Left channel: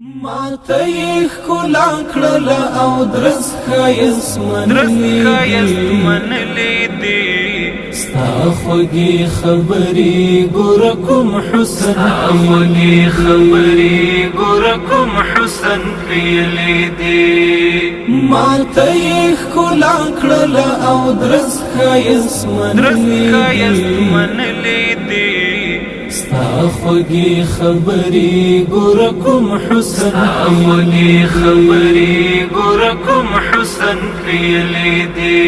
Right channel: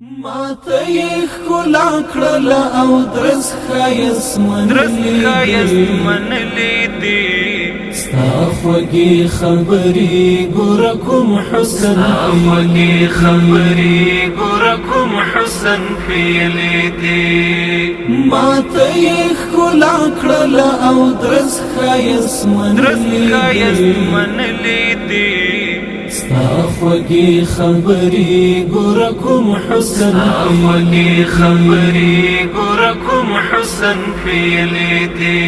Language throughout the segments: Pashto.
ماته یې ښکلا کړله او درس ښایست منلې دي ستا خوږې خبرې ګوره کوم حسن ښیلې دي ماته یې ښکلا کړله او درس ښایست منلې دي ستا خوږې خبرې ګوره کوم حسن ښیلې دي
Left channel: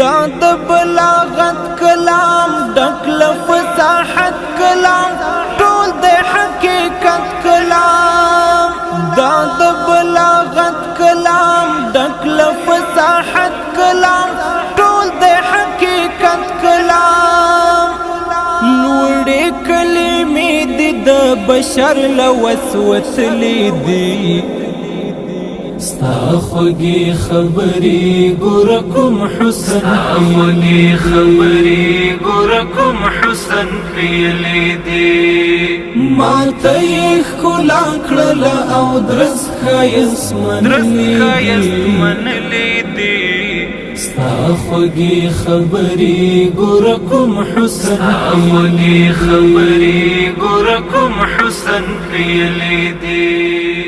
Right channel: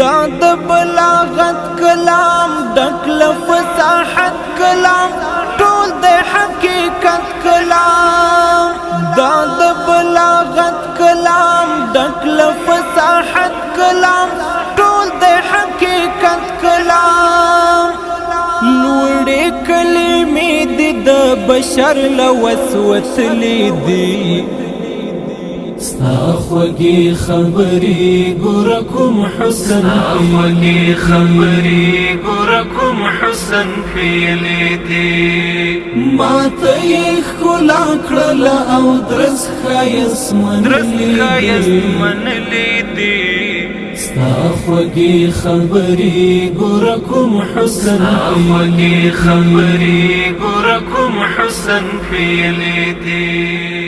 دا د بلاغت کلام ډک له فصاحت کلام ټول د حقیقت کلام دا د بلاغت کلام ډک له فصاحت کلام ټول د حقیقت کلام لوړې کلمې دي د بشر له وس وتلې دي ستا خوږې خبرې ګوره کوم حسن ښیلې دي ماته یې ښکلا کړله او درس ښایست منلې دي ستا خوږې خبرې ګوره کوم حسن ښیلې دي